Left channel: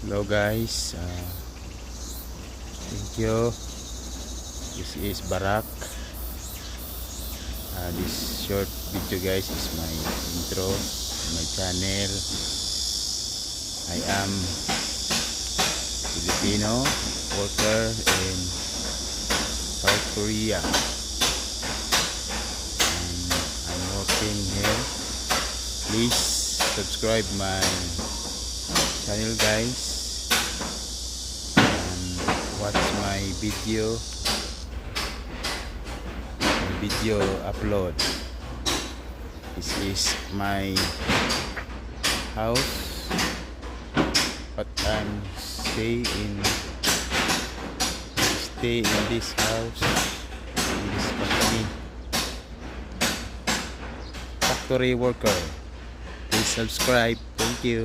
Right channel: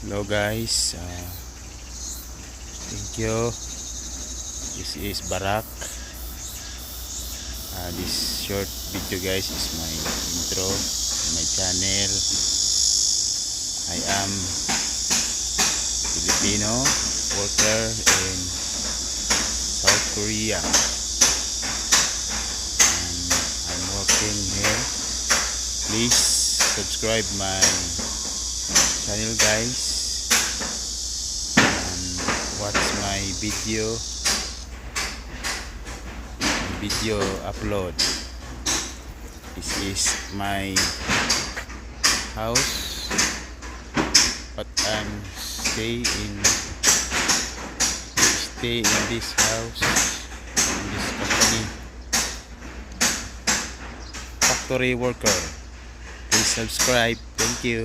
Hello guys, thank you. This is Barak. This short video guys is my intro to my channel. I am Filipino worker in South Korea and I'm working here. Please subscribe my channel guys and watch my video upload. This is my house, but I'm stay in this house, in this company, factory worker. Please subscribe. Thank you.